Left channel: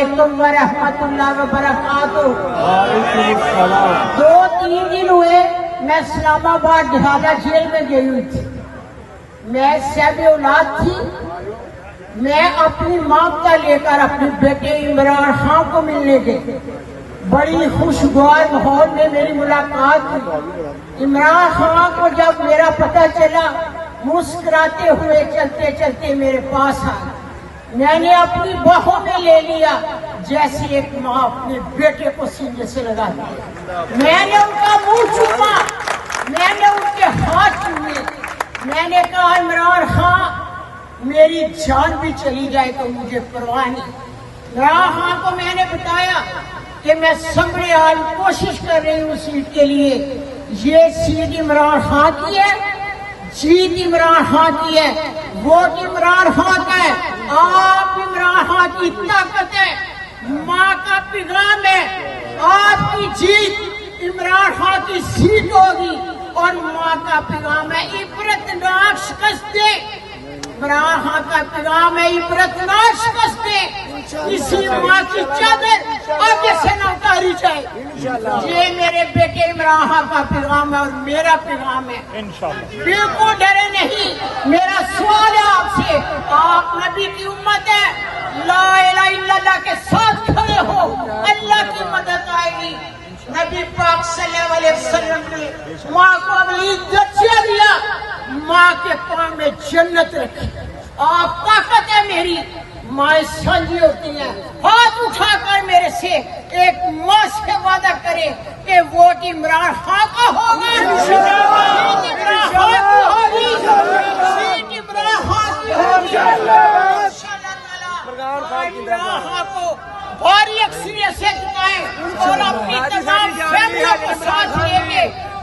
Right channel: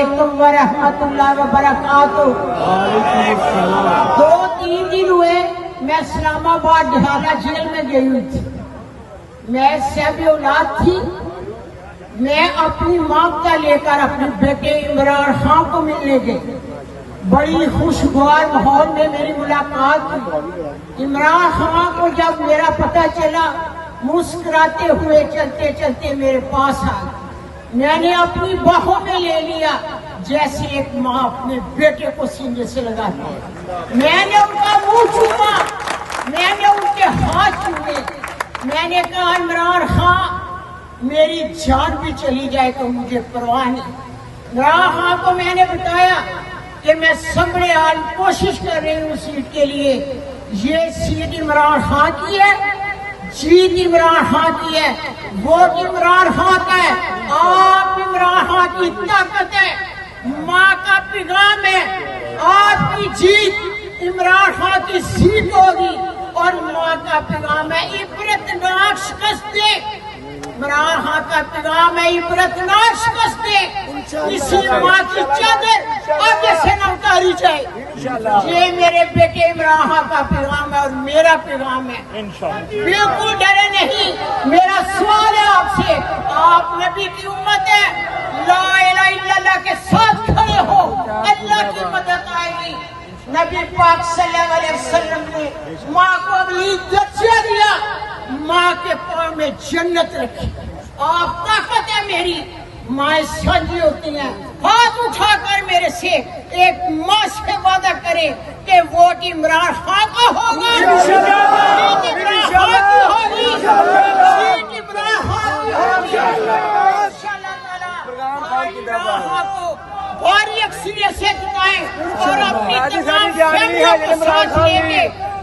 अलैकुम व रहमतुल्लाहि व बरकातुहू। 2-3 दिन हुए मैं इस्लामाबाद ढाका जेल में गई हुई थी। मैं सब औलाद थी। मैं अपनी मांगता लेकर अपने बेटे इमरान खान को मिलने गई। बड़ी खुशगवार माहौल में मेरी मुलाकात हुई। इमरान खान को जब मेरा पता चला, मुस्कुराते हुए चलते चलते मेरे पास आ गए। मैंने अपनी बाहों में ले लिया जैसे एक माँ अपने बेटे को सीने से लगाती है। मैंने उनका मुंह चूमा, मैंने उनके हाथ चूमे। मैंने कहा इमरान खान, मेरी जान भी चली जाए तो मुझे परवाह नहीं। इमरान खान को मैंने बताया कि मैं सबरे हाल कोशिश कर रही हूँ सीट के लिए। ये सीट इमरान खान की है, जीत इमरान खान की है, वोट इमरान खान का है। आप इमरान खान की ताकत है, माँ का पैगाम है। आपकी जीत इमरान खान की सीट होगी और माँ का पैगाम है इबरतनाक शिकस्तें। इमरान खान का पैगाम है इबरतनाक शिकस्तें। इसी माँ की चादर आगे से न उतारी जाए। ये मेरे बेटे इमरान खान का पैगाम है और मेरा पैगाम है। बिल्कुल डरे नहीं। मेरा सवाल है आपसे, आप नबी की उम्मत है, ला इलाहा इल्लल्लाह के साथ खड़े हो, अल्लाह की मदद आएगी। नबी पाक सल्लल्लाहु अलैहि वसल्लम ने माँ को अगली इज्जत से दिया, माँ के पाँव में जन्नत रखी। आप ताकत है मेरी, माँ साझी होती हैं। हाथ उठाकर मेरे से एक माँ से वादा करे कि वोट इमरान खान का होगा, सीट इमरान खान की होगी, सीट इमरान खान की होगी। इमरान खान को भारी अक्सरियत से जिताएं और अपनी तमाम फैमिलियों को साथ लेके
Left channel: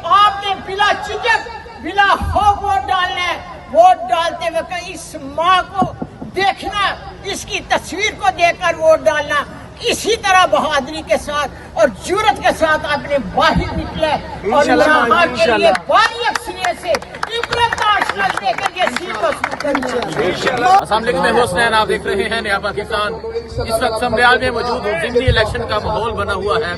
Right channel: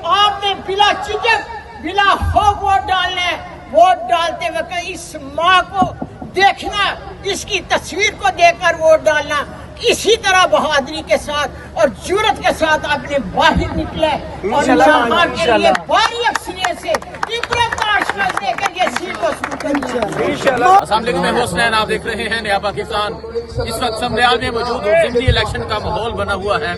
आपने बिला झिझक बिला खौफ वोट डालना है। वोट डालते वक्त इस माँ को देखना, इसकी तस्वीर को देखकर वोट डालना। इसी तरह बहादुरी के साथ और जुर्रत के साथ आपने बाहर निकले और इमरान खान के लिए भारी अक्सरियत से इबरत देकर ये सीट को शुरू करिए। अस्सलाम वालेकुम, मैं हुसैन, आप देख रहे हैं नया पाकिस्तान। इस वक्त समरियाल में मौजूद हूँ। जिमनी इलेक्शन का माहौल बना हुआ है।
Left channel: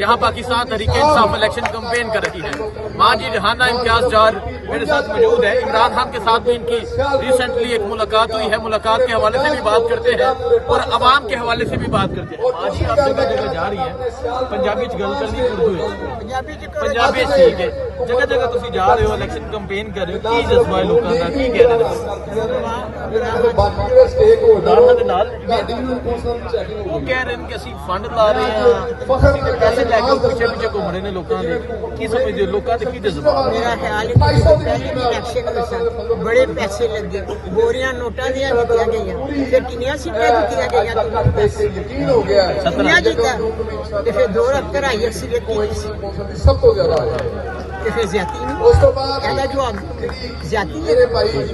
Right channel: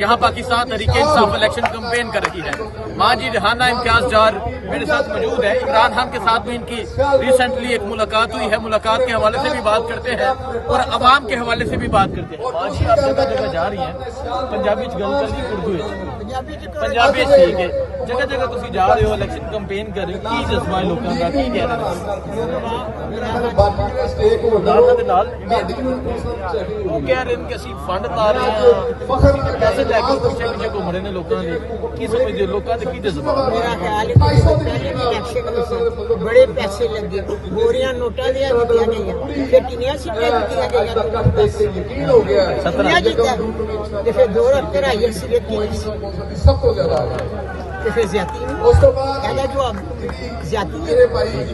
यहाँ पाकिस्तान तहरीक इंसाफ इलेक्शन कैंपेन कर रही है। माँ जी रिहाना इम्तियाज जार मेरे साथ मौजूद है। इमरान खान के साथ भी इनकी रिसेंटली एक मुलाकात हुई है। मुलाकात के हवाले से भी बात करते हैं और अवाम के हवाले से भी बात करते हैं। माँ जी, आप जगह जगह जा रही हैं, पंजाबी च गल करनी, उर्दू पंजाबी ठीक है। जगह जगह तुसी जा रहे हो, इलेक्शन कैंपेन कर रहे हो, की जज्बा है लोगों का, की कह रहे हो? वो कह रहे हैं कि ਅਸੀਂ फंड ला रहे हैं, पैसे लैके पिछे पिछे घूम रहे हैं लोगों के। की समझते हो लोगों के की जज्बा? मेरा ख्याल है कि पहले भी इलेक्शन में सन बड़े पैसे लगे, बोरियां नोटा दिया गई, फिर किनिया सीटें जीतिया गई, 17 जीता, फिर 2 2.5 सीटें फिर ज्यादा जवाब ज्यादा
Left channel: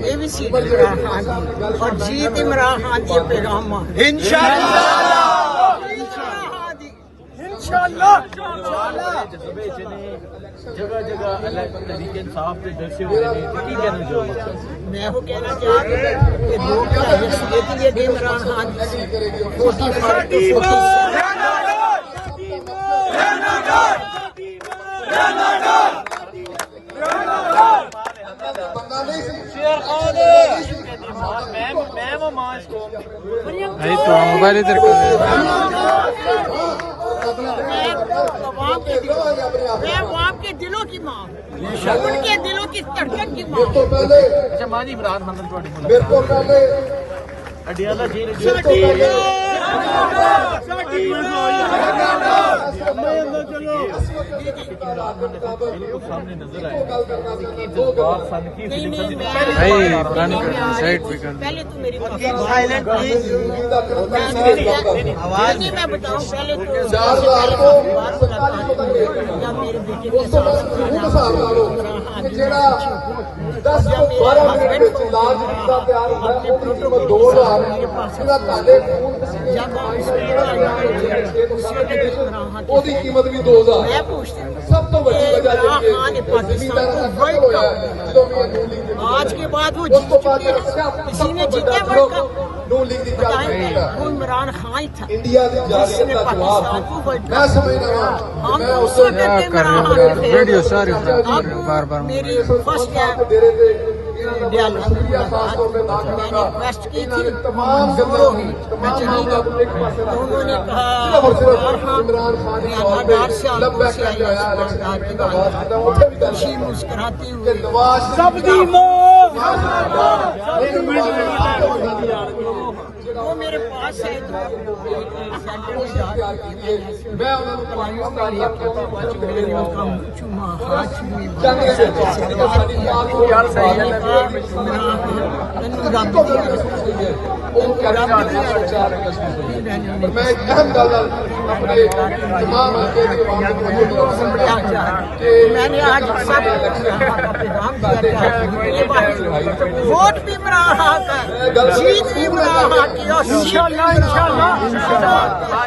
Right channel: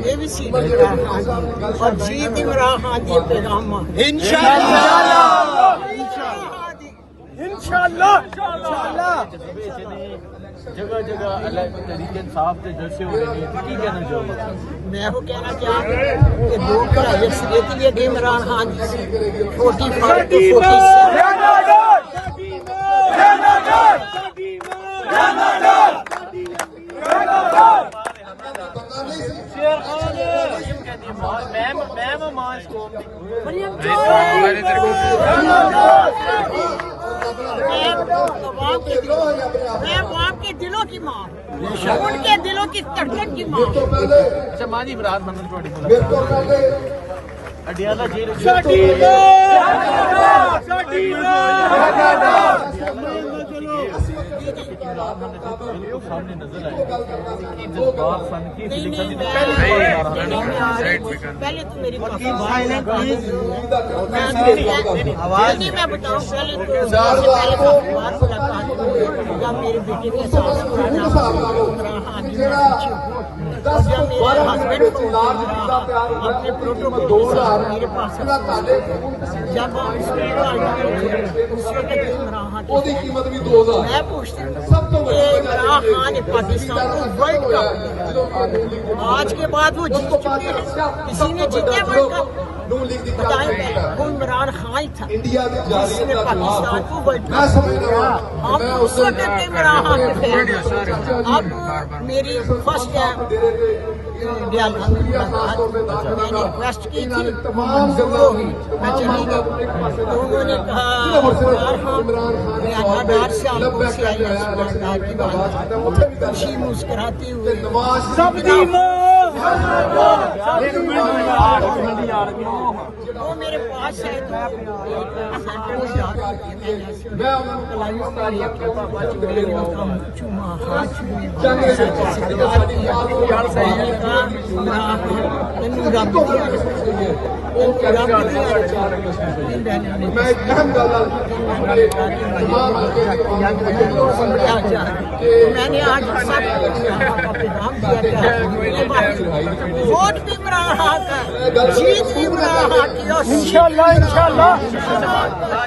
ये भी सीट इमरान खान की और जीत इमरान खान की पैगाम जगह जगह तरीके इंसाफ के जलसे हो रहे हैं, की कहना चाहोगे? मैं वो कहना चाहूँ कि 2 2.5 सीटें ये इमरान खान की 45 to 47 मैं आपके दिलों की माँ, उनके दिलों की धड़कन की माँ। अच्छा माँ जी, इमरान खान ने थोड़ी मुलाकात अडियाला जेल इमरान खान बिल्कुल सामने नजर आए कि जज्बात सन की पहले तो मेरी मैं बताऊं, पहले तो पहले काफी बार मुलाकात जब मेरे बेटे के साथ और जब मेरे हस्बैंड अपने प्रोटोकॉल मेरे पास जब हम मैं पूछती हूँ کہ عمران خان نے پاکستان کو ورلڈ کپ آج کے بعد وہ جیت چکے ہیں. کسی نے جیتے ورلڈ کپ؟ بتائیں پہلے وہ عمران خان ہی تھا جس نے پاکستان کو ورلڈ کپ. ہم اس وقت کے عمران خان کے فین. اب میری فرسٹ ڈیالہ میں ملاقات میں نے ریکویسٹ کی تھی وہ منظور ہوئی. میں چلی گئی تو انہوں نے کہا ڈیالہ ڈار سے آپ کو سے آئی ڈار کی بات خوشی مسکراتے ہوئے وہ میرے پاس آئے تو سینٹر میں جا رہی تھی. میں نے ان کا منہ چوما ہاتھ چومے میں نے کہا تینوں رب میں نے آج سب کا پیغام دیا کہ ووٹ بھی عمران خان کا جیت بھی عمران خان کی اور انشاءاللہ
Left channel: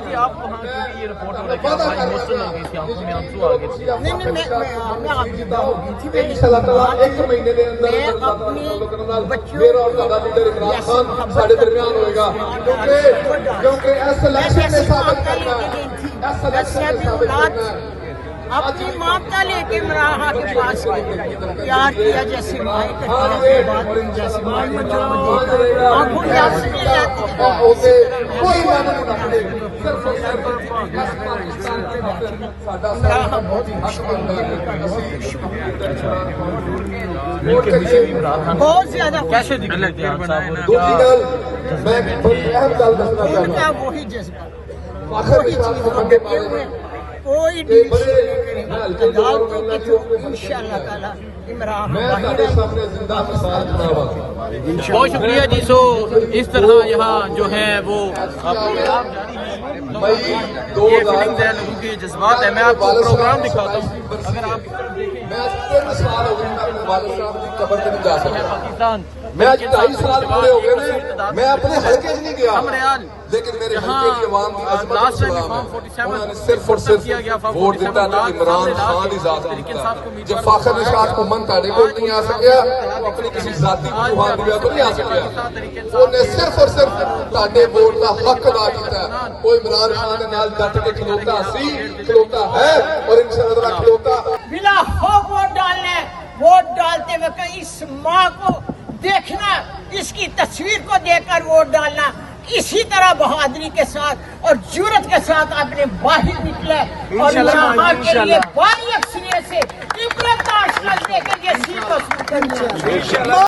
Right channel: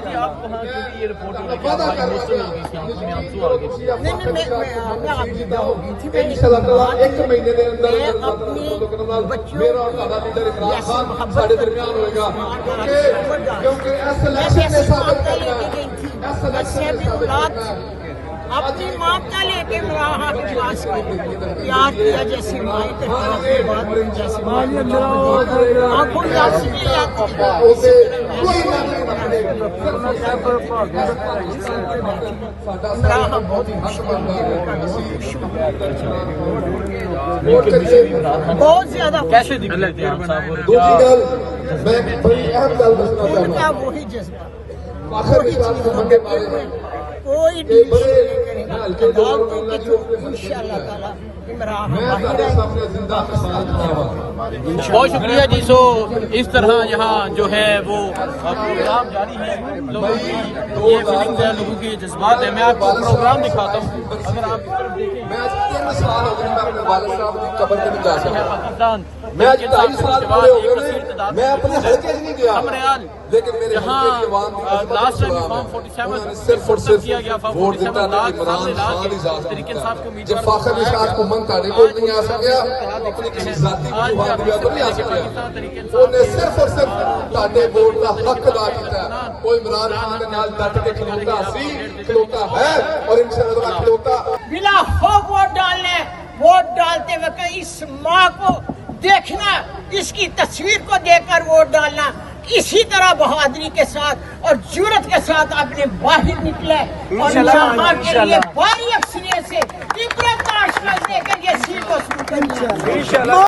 جی آپ وہاں کیونکہ یہ رپورٹ ہو رہا ہے کہ آپ بھائی ایموشنل ہو گئی تھی, آنکھوں میں آنسو آ گئے تھے. نہیں میں آپ کی ہو گئی تھی. میں اپنی بچوں جیسے محبت کرتی ہوں میں جیسے مامتا لے کے گئی تھی. میں صحبی اولاد اپنی مامتا لے کے عمران خان کے پاس پیار کیا جیسے مائیں کرتی اپنی بات ہوئی جیسے مائیں بچوں کو دیکھا آنکھوں میں آنسو نہیں آتی. اسی طرح عمران خان بہت خوش ہے, بہت خوش ہوں بہت زیادہ. کیسے دکھ رہے تھے آپ صاحب, کیا ان کا وہی جذبہ وہی چیز ہم دیتے ہوئے کوئی ڈیل کریں عدالتوں کے تھرو انشاءاللہ تعالی عمران بہت شکریہ جی. سو اس طرح یہاں جو ہے وہ پروگرام جاری ہے, یہ فیلنگز ہے لوگوں کے جذبات ہے. میں آپ کو پروگرام دکھاتا ہوں. اگر آپ اس طرف دیکھیں پاکستان میں آج 2.5 سال پورے ہو گئے میں اپنے حلقے سے نہیں گیا, لیکن میرے جہاں لاسٹ ٹائم فارم 47 صرف اور صرف کیا گیا, ووٹ دیتا ہے عمران خان ہی ذات جب فاخر نشاط کو من تاڑے کو نہیں آ سکیا اپنے کسی ذاتی کو بات دیا تو نہیں آ سکیا. انہیں صرف اور صرف تاڑے ووٹ کا حق ادا کیتا ہے. کوئی عمران خان کے نال ڈٹ کے کھلوتا سی کھلوتا ہے اور انشاءاللہ کھلوتا بلا خوف ووٹ ڈالنے. ووٹ ڈالتے وقت اس ماں کو دیکھنا, اس کی تصویر کو دیکھ کر ووٹ ڈالنا. اسی طرح بہادری کے ساتھ اور جرت کے ساتھ آپ نے باہر نکلا اور عمران خان کے لیے باری اکثریت سے عبرت کا اشرف دے کر یہ سیٹ کو شروع کرنا.